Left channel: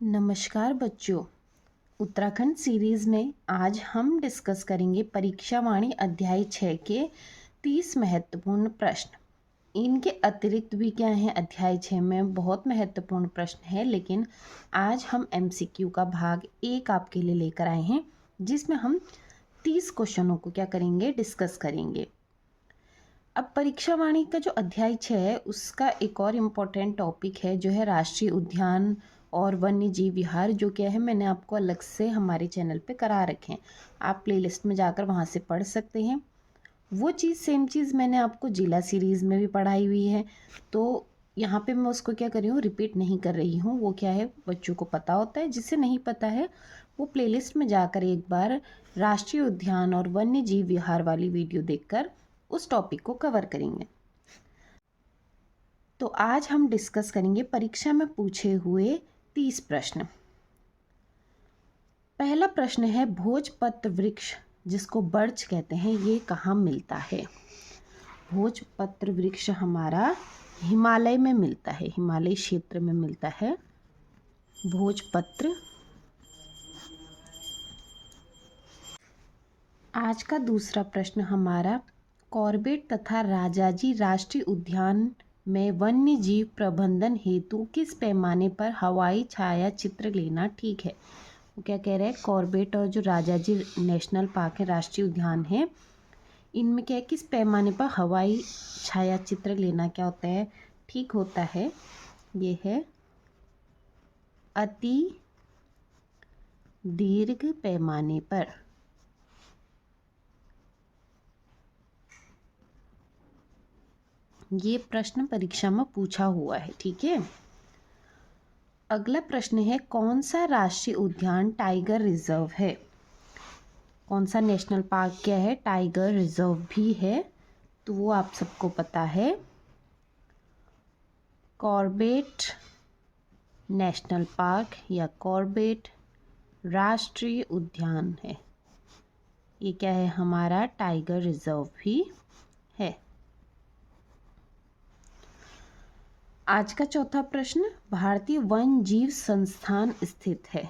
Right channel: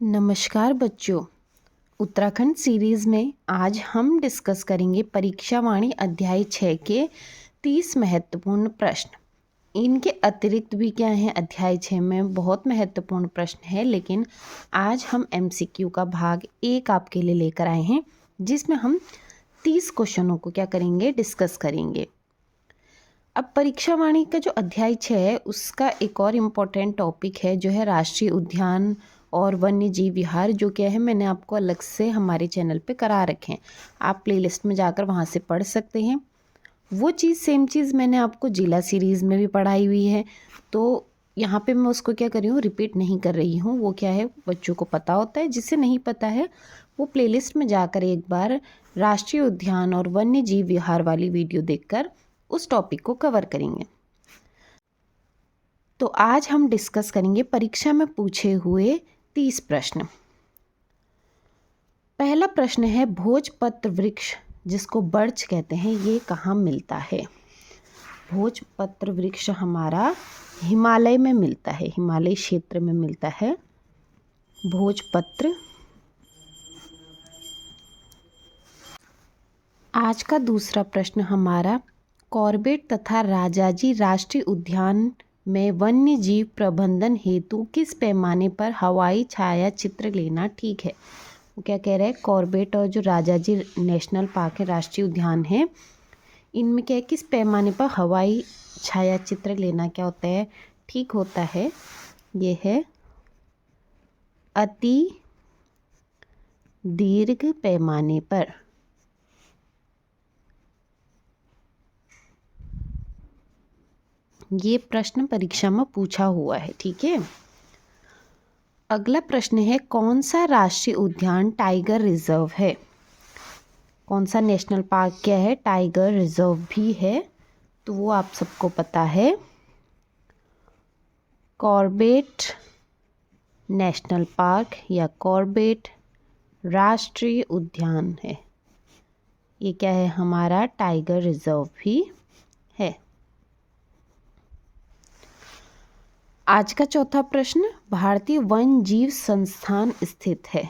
नमस्कार बच्चों। उत्तराखंड सीरीज़ में आज हम डिस्कस करेंगे परीक्षा वाणी अध्याय 6 के 30 महत्वपूर्ण प्रश्न। इनके अतिरिक्त भी क्या हैं, अध्याय 6 में बहुत महत्वपूर्ण प्रश्न है, लेकिन आज हम एमसीक्यू का भाग 1 आपके लिए लेकर आए हैं, जिसमें हम 30 क्वेश्चनों को क्या करेंगे, डिस्कस करेंगे। अब परीक्षा वाणी का जो अध्याय 6 है उसका एक और इम्पोर्टेंट टॉपिक है जो है राष्ट्रीय उद्यान और वन्य जीव विहार, जो क्या है मैंने आपको अलग से हमारे चैनल पे करा रखे हैं। आप प्लेलिस्ट में जाकर वहाँ से पढ़ सकते हैं। वो चीज़ सेम चीज़ मैंने आपको जिला सीरीज़ में भी पढ़ाई हुई है, तो यहाँ पे मैं उसको क्या कर रही हूँ, रिपीट नहीं कर रही हूँ। वो क्या है बच्चों को पता होता है, जिसे नहीं पता है वो प्लेलिस्ट में जाकर एक बार राष्ट्रीय उद्यान और वन्य जीव विहार वाली वीडियो देखकर उस टॉपिक को कवर करेंगे। तो आज हम डिस्कस करेंगे परीक्षा में पूछे हुए 30 प्रश्न। पहला प्रश्न है, भोजपत्र वृक्ष जिसको बर्च कहते हैं ये कहाँ मिलता है। भोजपत्र वृक्ष हमारा हिमालय में मिलता है, हिमालय क्षेत्र में मिलता है भोजपत्र। आज का दूसरा प्रश्न हमारा, कॉर्बेट तथा राजाजी राष्ट्रीय उद्यान में वन्य जीव प्रबंधन हेतु किस पैमाने पर हवाई छायाचित्र लेना ठीक है। वो क्या कह रहा है, कॉर्बेट और जो राजाजी नेशनल पार्क है, राष्ट्रीय उद्यान है, इनमें क्या है, किस पैमाने पर हवाई छायाचित्र लेना क्या होता है, ठीक होता है। ये है अति दीर्घ पैमाने पर। ये प्रश्न परीक्षा में पूछा हुआ है, ठीक है। अगला प्रश्न है, कौन सा राष्ट्रीय उद्यान टाइगर रिजर्व है। कौन सा नेशनल पार्क क्या है, टाइगर रिजर्व भी है, तो वो आप सबको पता है, कॉर्बेट नेशनल पार्क या कॉर्बेट राष्ट्रीय उद्यान है। ये क्या है, हमारा टाइगर रिजर्व भी है। आज का चौथा प्रश्न, भारतीय वन जीव संस्थान स्थित है।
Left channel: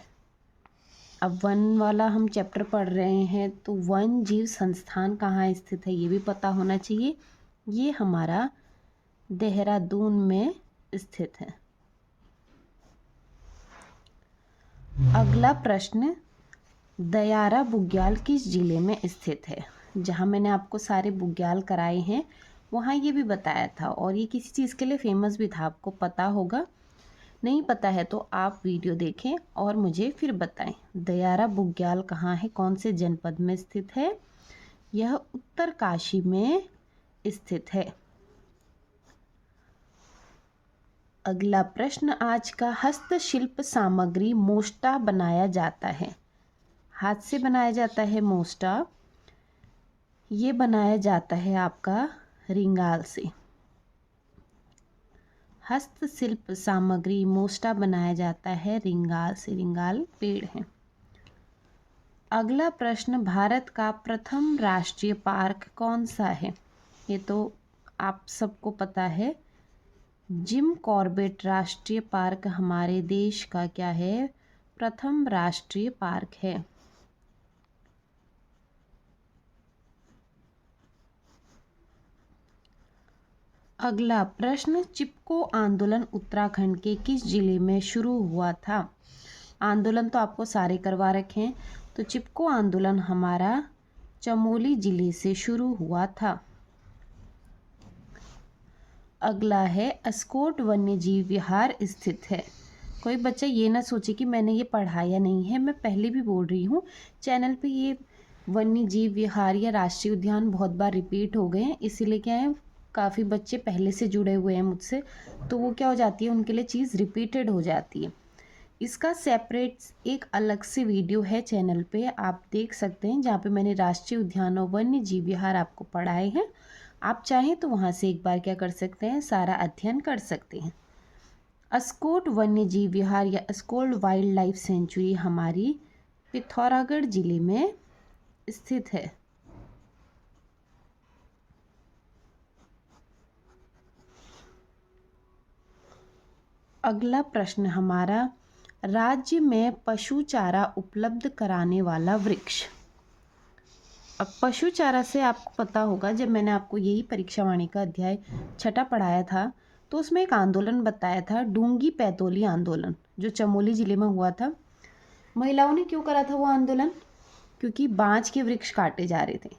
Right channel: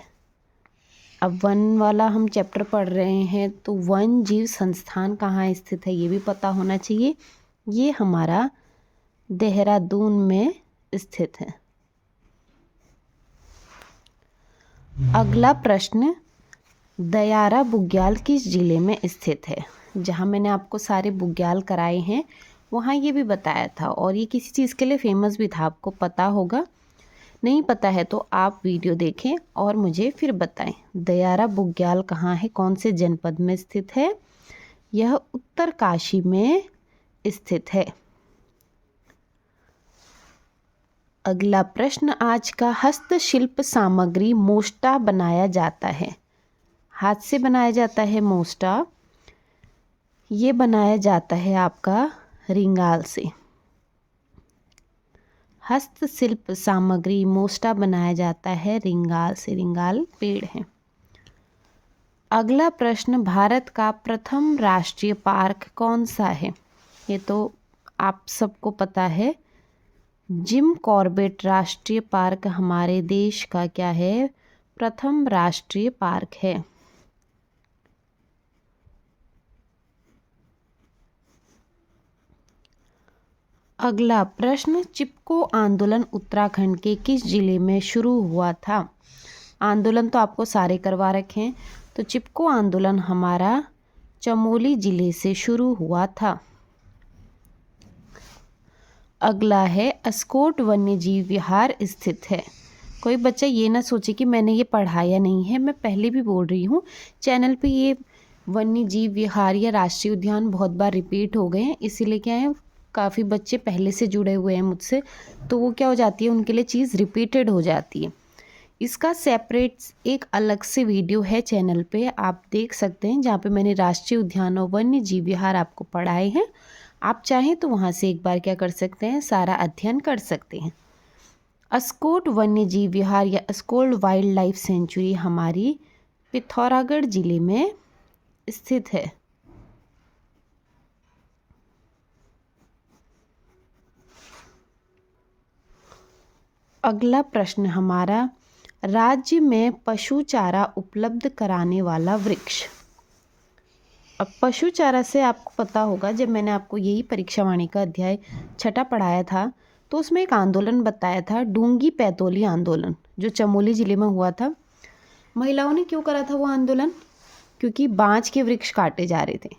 अब वन वाला हम चैप्टर पढ़ रहे हैं, तो वन जीव संस्थान कहाँ स्थित है ये भी पता होना चाहिए। ये हमारा देहरादून में स्थित है। अगला प्रश्न, दयारा बुग्याल किस जिले में स्थित है। जहाँ मैंने आपको सारे बुग्याल कराए हैं वहाँ ये भी बताया था, और ये किसी चीज़ के लिए फेमस भी था, आपको पता होगा। नहीं पता है तो आप वीडियो देखें और मुझे फिर बताएं। दयारा बुग्याल कहाँ है, कौन से जनपद में स्थित है। यह उत्तरकाशी में स्थित है। अगला प्रश्न आज का, हस्तशिल्प सामग्री मोस्टा बनाया जाता है। हाथ से बनाया जाता है मोस्टा, ये बनाया जाता है आपका रिंगाल से। हस्तशिल्प सामग्री मोस्टा बनाया जाता है रिंगाल से, रिंगाल पेड़ है। अगला प्रश्न, भारत का प्रथम राष्ट्रीय पार्क कौन सा है। ये तो आप सबको पता है, जिम कॉर्बेट राष्ट्रीय पार्क हमारे देश का क्या है, प्रथम राष्ट्रीय पार्क है। अगला प्रश्न, चिपको आंदोलन उत्तराखंड के किस जिले में शुरू हुआ था। आंदोलन तो आपको सारे करवा रखे हैं, तो चिपको आंदोलन हमारा चमोली जिले से शुरू हुआ था। अगला है, अस्कोट वन्य जीव विहार स्थित है। कोई बच्चा ये ना सोचे कि मैंने ये पढ़ाया नहीं है, मैं पहले भी बोल रही हूँ, चैनल पे ये वन्य जीव विहार या राष्ट्रीय उद्यान बहुत बार रिपीट हो गए हैं, इसीलिए क्या है, काफ़ी बच्चे पहले से जुड़े हुए हैं मुझसे, तो वो क्या हो जाती है, उनके लिए चीज़ रिपीटेड हो जाती है। इसका सेपरेट एक अलग से वीडियो है चैनल पे, आप देख सकते हैं, जहाँ पे मैंने राष्ट्रीय उद्यान और वन्य जीव विहार आपको पढ़ाए हैं। आप चाहें तो वहाँ से एक बार क्या कर सकते हैं, सारा अध्ययन कर सकते हैं। अस्कोट वन्य जीव विहार या अस्कोट वाइल्ड लाइफ सेंचुरी हमारी पिथौरागढ़ जिले में स्थित है। अगला प्रश्न हमारा, राज्य में पशु चारा उपलब्ध कराने वाला वृक्ष। अब पशु चारा से आपको पता होगा, जब मैंने आपको यही परीक्षावाणी का अध्याय 6 पढ़ाया था तो उसमें एक आंदोलन बताया था, डूंगी पैतोली आंदोलन, जो चमोली जिले में हुआ था। महिलाओं ने क्यों करा था वो आंदोलन? क्योंकि बांज के वृक्ष काटे जा रहे थे।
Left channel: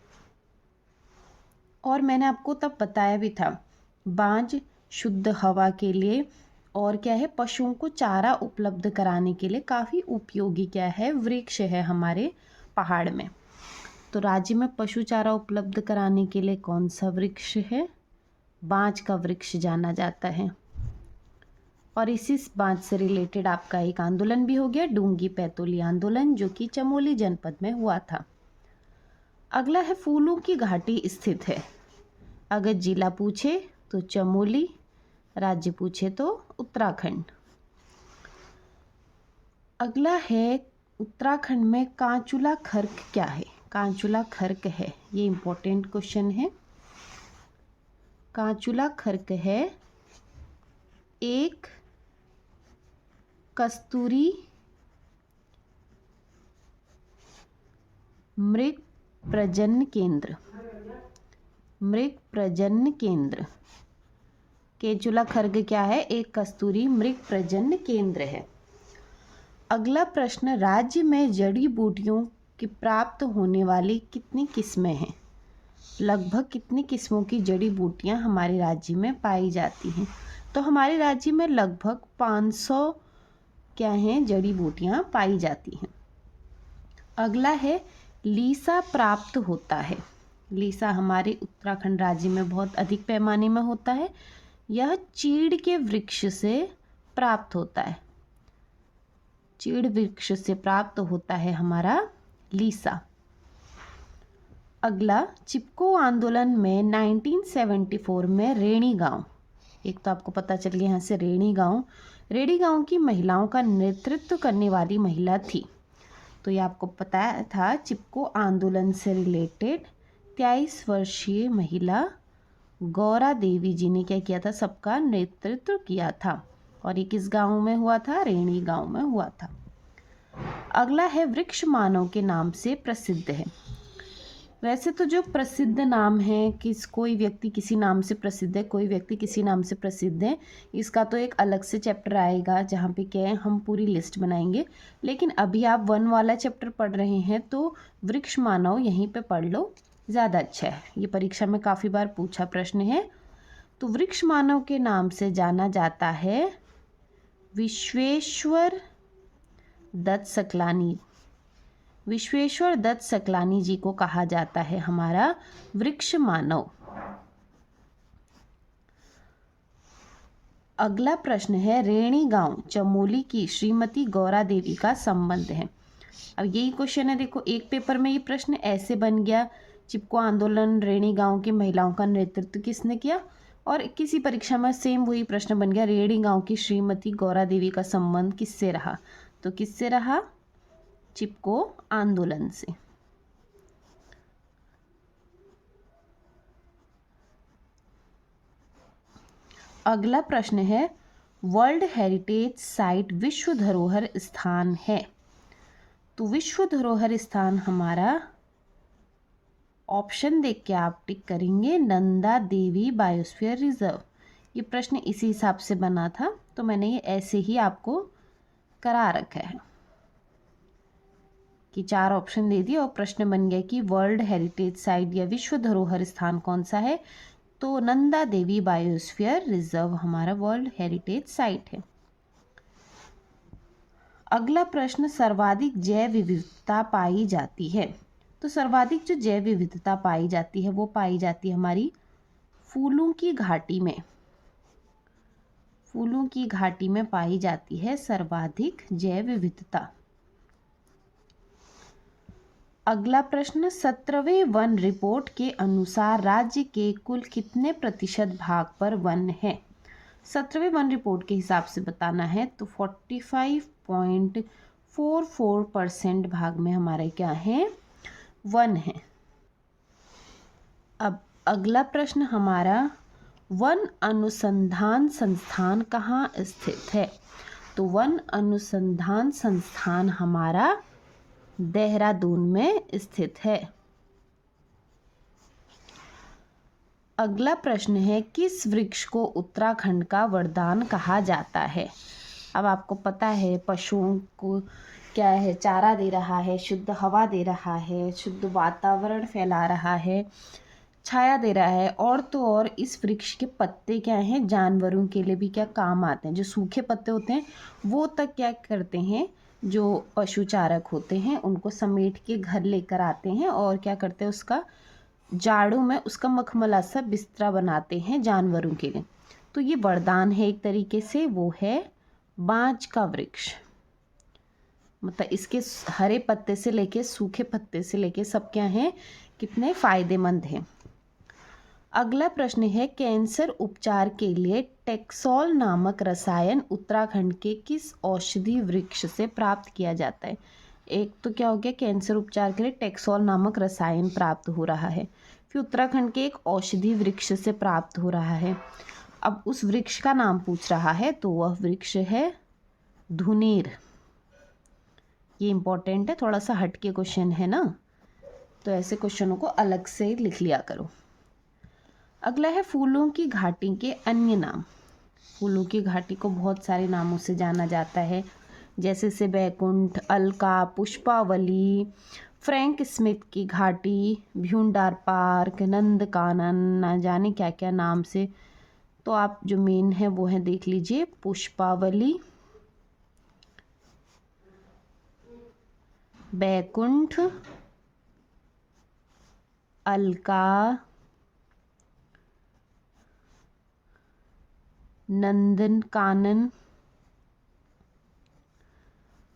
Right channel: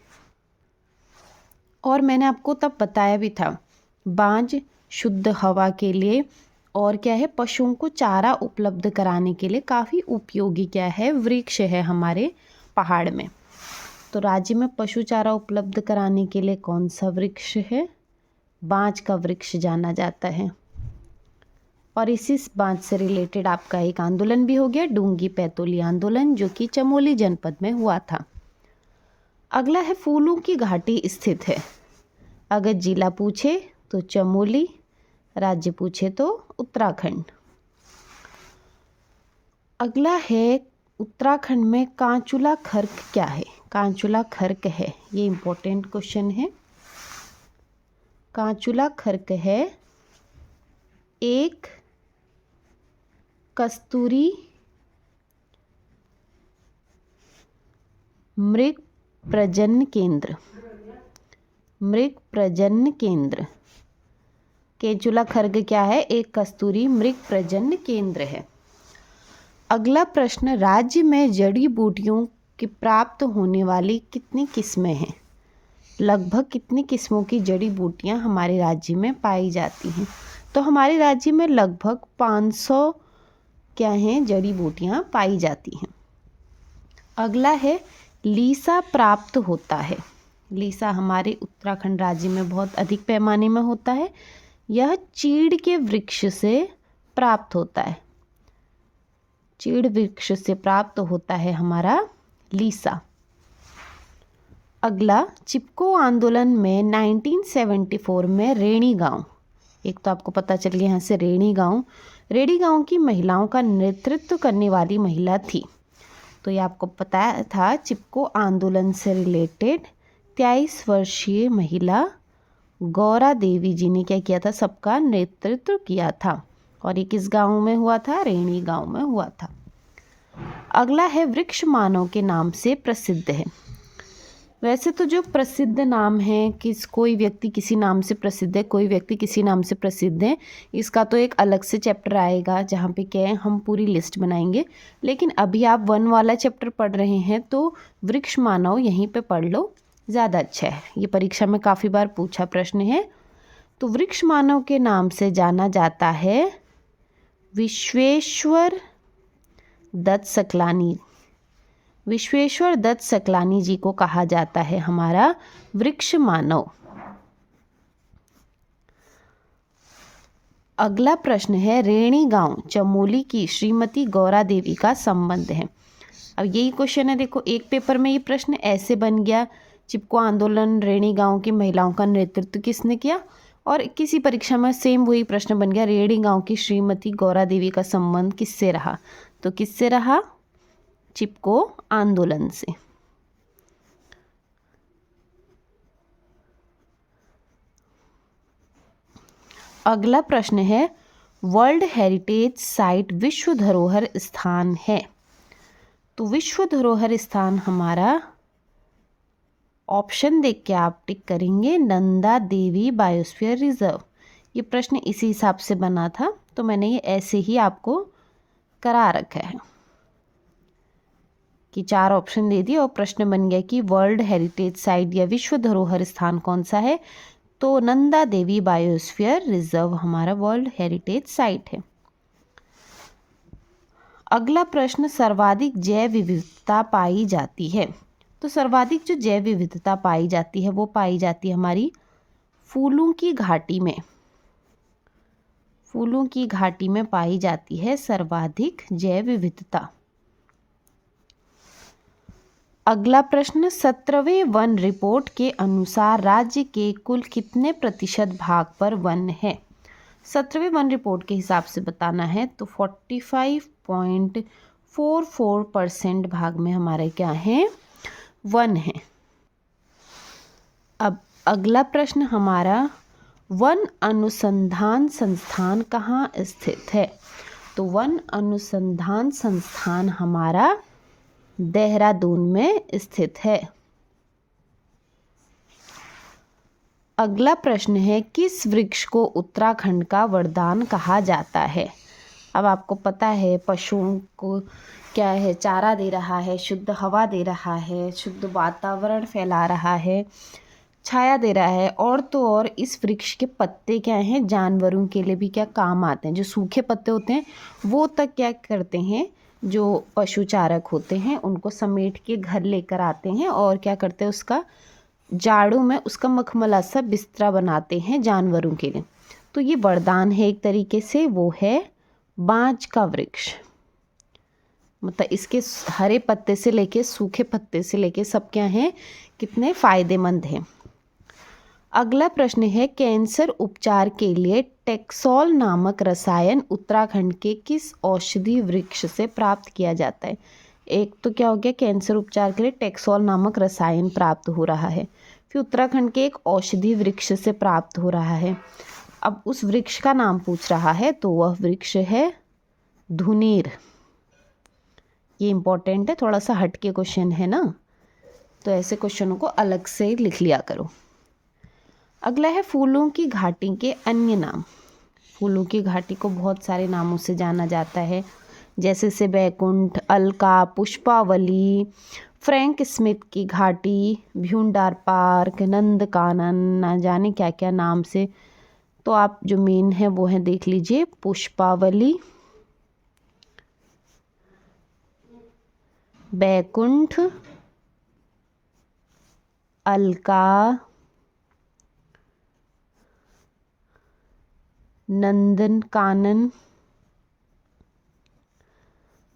और मैंने आपको तब बताया भी था, बांज शुद्ध हवा के लिए और क्या है, पशुओं को चारा उपलब्ध कराने के लिए काफ़ी उपयोगी क्या है, वृक्ष है हमारे पहाड़ में। तो राज्य में पशु चारा उपलब्ध कराने के लिए कौन सा वृक्ष है? बांज का वृक्ष जाना जाता है। और इसी बांज से रिलेटेड आपका एक आंदोलन भी हो गया, डूंगी पैतोली आंदोलन, जो कि चमोली जनपद में हुआ था। अगला है फूलों की घाटी स्थित है। अगर जिला पूछे तो चमोली, राज्य पूछे तो उत्तराखंड। अगला है उत्तराखंड में कांचुला खर्क क्या है? कांचुला खर्क है, ये इम्पोर्टेंट क्वेश्चन है। कांचुला खर्क है एक कस्तूरी मृग प्रजनन केंद्र। मृग प्रजनन केंद्र, केंचुला खर्क क्या है? एक कस्तूरी मृग प्रजनन केंद्र है। अगला प्रश्न, राज्य में जड़ी बूटियों की प्राप्त होने वाली कितनी किस्में हैं? लगभग कितनी किस्मों की जड़ी बूटियां हमारे राज्य में पाई जाती हैं? तो हमारे राज्य में लगभग 500 क्या हैं, जड़ी बूटियां पाई जाती हैं। अगला है लीसा प्राप्त होता है। लीसा हमारे उत्तराखंड राज्य में बहुत अधिक पैमाने में होता है। यह चीड़ के वृक्ष से प्राप्त होता है। चीड़ वृक्ष से प्राप्त होता है हमारा लीसा। अगला, चिपको आंदोलन में 1974 में रेणी गांव, एक तो आपको पता चल गया यहाँ से रेणी गांव की महिलाओं का नेतृत्व करने वाली महिला थी। तो ये आपको पता था, चिपको आंदोलन से रिलेटेड 23 वर्षीय महिला गौरा देवी जी ने क्या किया था? सबका नेतृत्व किया था। और ये किस गांव में हुआ था? रेणी गांव में हुआ था। अगला है वृक्ष मानव के नाम से प्रसिद्ध है। वैसे तो जो प्रसिद्ध नाम है, कोई व्यक्ति किसी नाम से प्रसिद्ध है, कोई व्यक्ति किसी नाम से प्रसिद्ध है, इसका तो एक अलग से चैप्टर आएगा जहाँ पे क्या है, हम पूरी लिस्ट बनाएंगे। लेकिन अभी आप 1 वाला चैप्टर पढ़ रहे हैं तो वृक्ष मानव यहीं पे पढ़ लो, ज़्यादा अच्छा है। ये परीक्षा में काफ़ी बार पूछा प्रश्न है। तो वृक्ष मानव के नाम से जाना जाता है विश्वेश्वर दत्त सकलानी। विश्वेश्वर दत्त सकलानी जी को कहा जाता है हमारा वृक्ष मानव। अगला प्रश्न है, रेणी गांव चमोली की श्रीमती गौरा देवी का संबंध है। अब यही क्वेश्चन है, देखो एक पेपर में ये प्रश्न ऐसे बन गया, चिपको आंदोलन रेणी गांव की महिलाओं का नेतृत्व किसने किया, और किसी परीक्षा में सेम वही प्रश्न बन गया, रेणी गांव की श्रीमती गौरा देवी का संबंध किससे रहा? तो किससे रहा? चिपको आंदोलन से। अगला प्रश्न है, वर्ल्ड हेरिटेज साइट विश्व धरोहर स्थान है। तो विश्व धरोहर स्थान हमारा, ऑप्शन देख के आप टिक करेंगे, नंदा देवी बायोस्फीयर रिजर्व। ये प्रश्न इसी हिसाब से बना था, तो मैंने ये ऐसे ही आपको करा रखा है कि 4 ऑप्शन दे दिए और प्रश्न बन गया कि वर्ल्ड हेरिटेज साइट या विश्व धरोहर स्थान कौन सा है? तो नंदा देवी बायोस्फीयर रिजर्व हमारा वर्ल्ड हेरिटेज साइट है। अगला प्रश्न, सर्वाधिक जैव विविधता पाई जाती है। तो सर्वाधिक जो जैव विविधता पाई जाती है वो पाई जाती है हमारी फूलों की घाटी में। फूलों की घाटी में पाई जाती है सर्वाधिक जैव विविधता। अगला प्रश्न, 17वें वन रिपोर्ट के अनुसार राज्य के कुल कितने प्रतिशत भाग पर वन है? 17वें वन रिपोर्ट के हिसाब से बताना है तो 45.44% भाग में हमारे क्या है? वन है। अब अगला प्रश्न हमारा, वन अनुसंधान संस्थान कहाँ स्थित है? तो वन अनुसंधान संस्थान हमारा देहरादून में स्थित है। अगला प्रश्न है, किस वृक्ष को उत्तराखंड का वरदान कहा जाता है? अब आपको पता है पशुओं को क्या है, चारा दे रहा है, शुद्ध हवा दे रहा है, शुद्ध वातावरण फैला रहा है, छाया दे रहा है, और तो और इस वृक्ष के पत्ते क्या हैं, जानवरों के लिए भी क्या काम आते हैं। जो सूखे पत्ते होते हैं वो तक क्या करते हैं, जो पशु चारक होते हैं उनको समेट के घर लेकर आते हैं और क्या करते हैं, उसका जाड़ों में उसका मखमला सा बिस्तरा बनाते हैं जानवरों के लिए। तो ये वरदान है एक तरीके से, वो है बांज का वृक्ष। मतलब इसके हरे पत्ते से लेके सूखे पत्ते से लेके सब क्या हैं, कितने फायदेमंद हैं। अगला प्रश्न है, कैंसर उपचार के लिए टेक्सोल नामक रसायन उत्तराखंड के किस औषधि वृक्ष से प्राप्त किया जाता है? एक तो क्या हो गया, कैंसर उपचार के लिए टेक्सोल नामक रसायन प्राप्त हो रहा है, फिर उत्तराखंड के एक औषधि वृक्ष से प्राप्त हो रहा है। अब उस वृक्ष का नाम पूछ रहा है, तो वह वृक्ष है धुनीर। ये इम्पोर्टेंट है, थोड़ा सा हटके क्वेश्चन है ना, तो ऐसे क्वेश्चनों को अलग से लिख लिया करो। अगला है, फूलों की घाटी के अन्य नाम। फूलों की घाटी को बहुत सारे नामों से जाना जाता है, जैसे से बैकुंठ, अलका, पुष्पावली, फ्रैंक स्मिथ की घाटी, भ्यूंडार पार्क, नंदकानन, न जाने क्या क्या नाम से। तो आप जो मेन है वो है, देख लीजिए, पुष्पावली, बैकुंठ, अलका, नंदन कानन,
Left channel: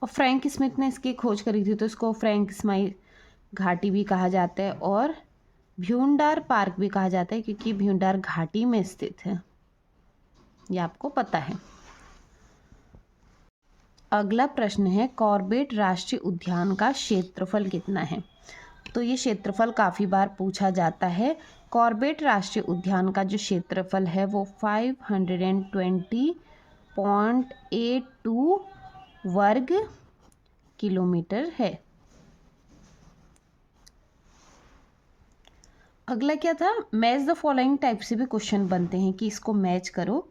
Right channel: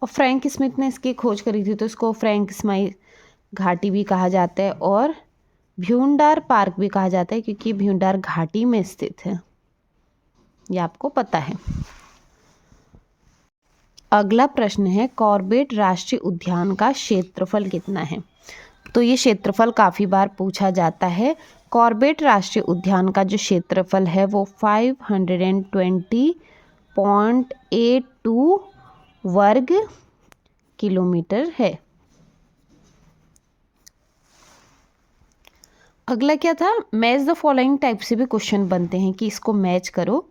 और फ्रैंक स्मिथ ने इसकी खोज करी थी तो इसको फ्रैंक स्मिथ घाटी भी कहा जाता है, और भ्यूंडार पार्क भी कहा जाता है क्योंकि भ्यूंडार घाटी में स्थित है, ये आपको पता है। अगला प्रश्न है, कॉर्बेट राष्ट्रीय उद्यान का क्षेत्रफल कितना है? तो ये क्षेत्रफल काफ़ी बार पूछा जाता है। कॉर्बेट राष्ट्रीय उद्यान का जो क्षेत्रफल है वो 520.82 वर्ग किलोमीटर है। अगला क्या था, मैच द फॉलोइंग टाइप से भी क्वेश्चन बनते हैं कि इसको मैच करो।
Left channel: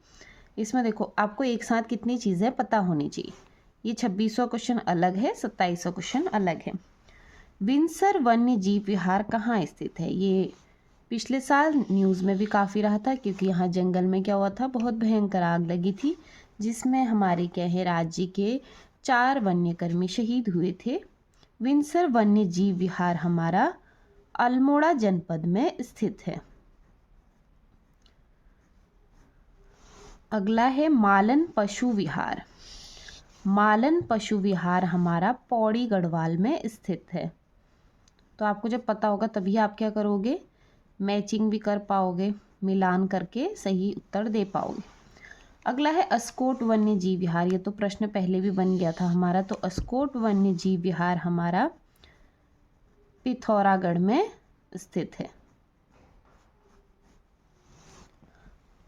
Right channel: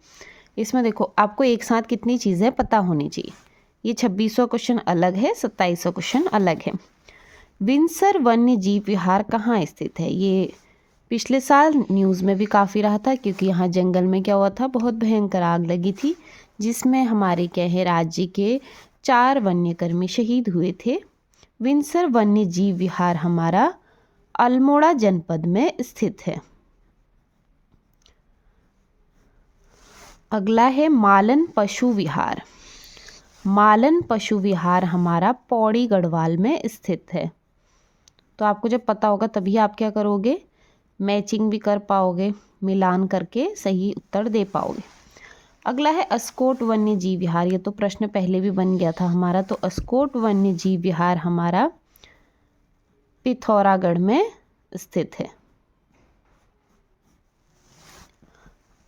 इसमें देखो आपको एक साथ कितनी चीज़ें पता होनी चाहिए। ये 2600 क्वेश्चन अलग है, 2700 क्वेश्चन अलग है। विंसर वन्य जीव विहार कहाँ स्थित है? ये पिछले साल न्यूज़ में भी काफ़ी रहा था क्योंकि यहाँ जंगल में क्या हुआ था, बहुत भयंकर आग लगी थी जिसमें हमारे क्या है, राज्य के 4 वन्यकर्मी शहीद हुए थे। विंसर वन्य जीव विहार हमारा अल्मोड़ा जनपद में स्थित है। अगला है मालन पशु विहार। मालन पशु विहार हमारा पौड़ी गढ़वाल में स्थित है। तो आपको जब पता होगा तभी आप क्या करोगे, मैचिंग भी कर पाओगे, मिलान करके सही उत्तर दे पाओगे। अगला है अस्कोट वन्य जीव विहार। ये तो प्रश्न पहले भी बन गया था हमारा, तो अस्कोट वन्य जीव विहार हमारा पिथौरागढ़ में स्थित है।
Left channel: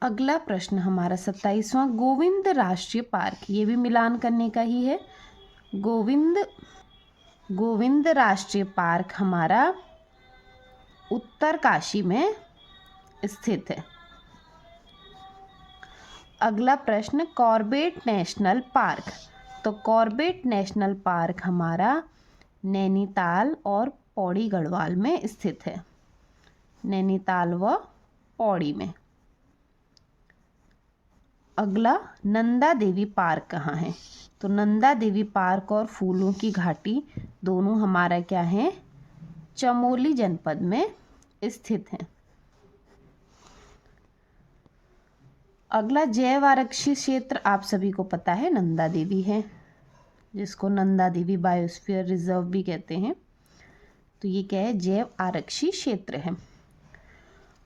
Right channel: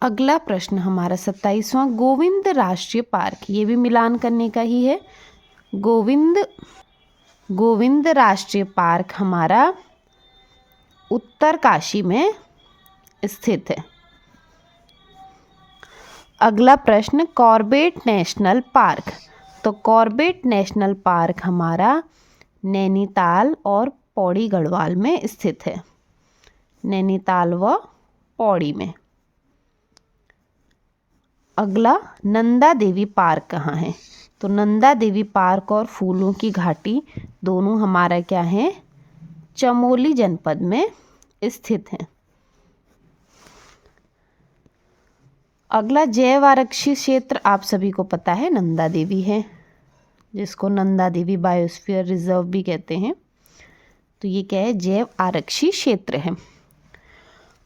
अगला प्रश्न हमारा 27वां, गोविंद राष्ट्रीय पार्क। ये भी मिलान करने का ही है। गोविंद राष्ट्रीय पार्क हमारा उत्तरकाशी में स्थित है। अगला प्रश्न, कॉर्बेट नेशनल पार्क। तो कॉर्बेट नेशनल पार्क हमारा नैनीताल और पौड़ी गढ़वाल में स्थित है, नैनीताल व पौड़ी में। अगला, नंदा देवी पार्क कहाँ है? तो नंदा देवी पार्क और फूलों की घाटी दोनों हमारा क्या है, चमोली जनपद में स्थित है। अगला, जैव आरक्षित क्षेत्र आप सभी को पता है नंदा देवी है, जिसको नंदा देवी बायोस्फीयर रिजर्व भी कहते हैं। तो ये क्या है, जैव आरक्षित क्षेत्र है।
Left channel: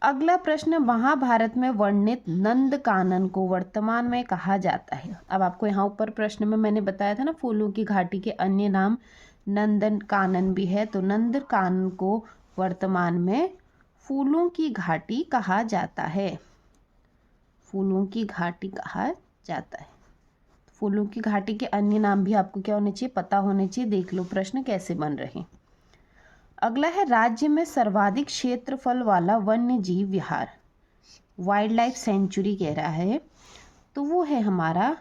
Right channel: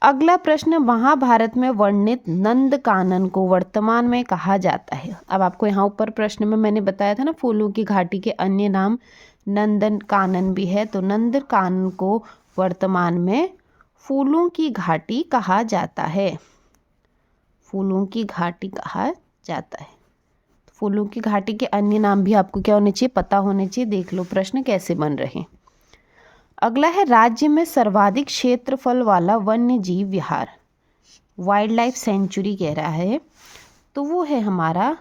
अगला प्रश्न, महाभारत में वर्णित नंदकानन को वर्तमान में कहा जाता है। अब आपको यहाँ ऊपर प्रश्न में मैंने बताया था ना, फूलों की घाटी के अन्य नाम नंदकानन भी है। तो नंदकानन को वर्तमान में फूलों की घाटी कहा जाता है, फूलों की घाटी कहा जाता है। फूलों की घाटी के अन्य नाम भी आपको क्या होने चाहिए, पता होने चाहिए। देख लो प्रश्न कैसे बन रहे हैं। अगला है राज्य में सर्वाधिक क्षेत्रफल वाला वन्य जीव विहार, वाइल्ड लाइफ सेंचुरी कह रहा है, तो वो है हमारा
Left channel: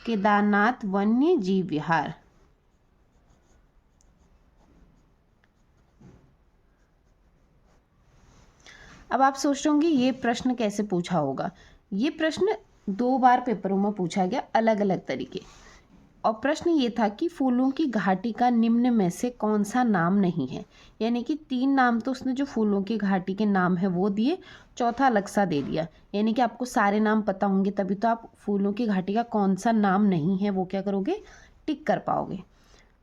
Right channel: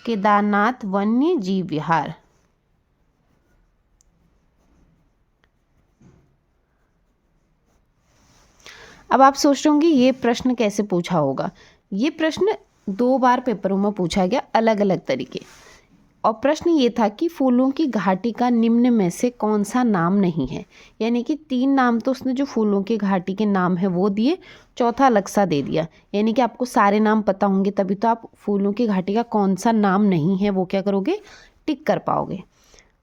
केदारनाथ वन्य जीव विहार। अब आप सोच रहे होंगे ये प्रश्न कैसे पूछा होगा। ये प्रश्न 2 बार पेपरों में पूछा गया, अलग अलग तरीके। और प्रश्न ये था कि फूलों की घाटी का निम्न में से कौन सा नाम नहीं है। यानी कि 3 नाम तो उसने जो फूलों की घाटी के नाम है वो दिए, चौथा अलग सा दे दिया। यानी कि आपको सारे नाम पता होंगे तभी तो आप फूलों की घाटी का कौन सा नाम नहीं है वो क्या करोगे, टिक कर पाओगे।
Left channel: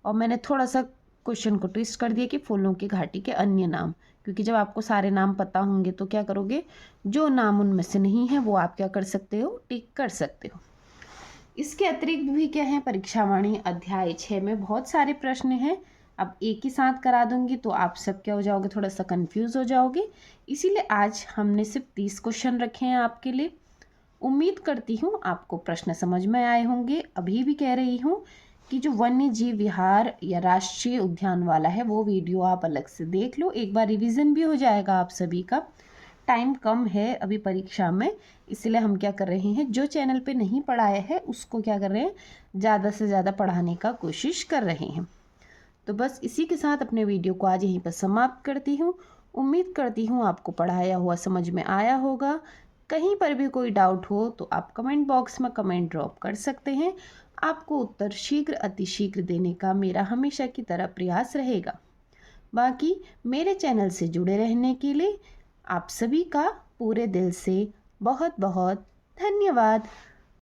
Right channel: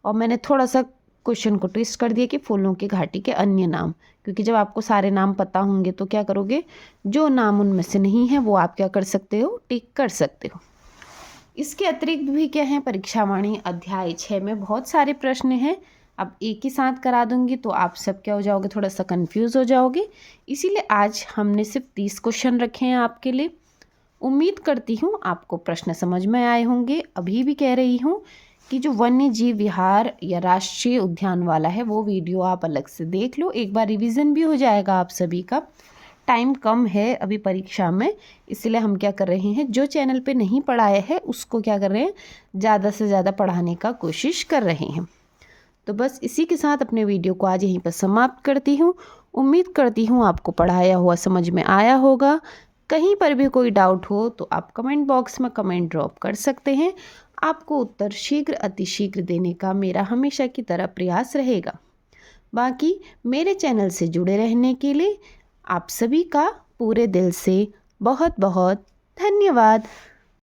और मैंने थोड़ा सा क्वेश्चन को ट्विस्ट कर दिया कि फूलों की घाटी के अन्य नाम, क्योंकि जब आपको सारे नाम पता होंगे तो क्या करोगे, जो नाम उनमें से नहीं है वो आप क्या कर सकते हो, टिक कर सकते हो। इसके अतिरिक्त भी क्या है, परीक्षावाणी अध्याय 6 में बहुत सारे प्रश्न हैं। अब एक ही साथ करा दूंगी तो आप सब क्या हो जाओगे, थोड़ा सा कंफ्यूज हो जाओगे। इसीलिए आज हमने सिर्फ 30 क्वेश्चन रखे हैं आपके लिए। उम्मीद करती हूँ आपको प्रश्न समझ में आए होंगे। अभी भी कह रही हूँ कि जो वन्य जीव विहार या राष्ट्रीय उद्यान वाला है वो वीडियो आप अलग से देख लो, एक बार रिवीजन भी हो जाएगा आप सभी का। टाइम कम है अभी परीक्षा में, इसलिए हम क्या कर रहे हैं, जो चैनल पे नहीं पढ़ाया है उसको क्या कर रहे हैं, ज़्यादा से ज़्यादा पढ़ाने का कोशिश कर रहे हैं। तो बस इसी के साथ अपने वीडियो को आज यहीं पर समाप्त करती हूँ। उम्मीद करती हूँ आपको पढ़ाया हुआ समझ में आया होगा। कहीं पर भी कोई डाउट हो तो आप कमेंट बॉक्स में कमेंट ड्रॉप कर सकते हैं। आपको उत्तर शीघ्र अतिशीघ्र देने का मेरा हमेशा की तरह प्रयास रहेगा। बाकी मेरे चैनल से जुड़े रहने के लिए आप सभी का पूरे दिल से बहुत बहुत धन्यवाद।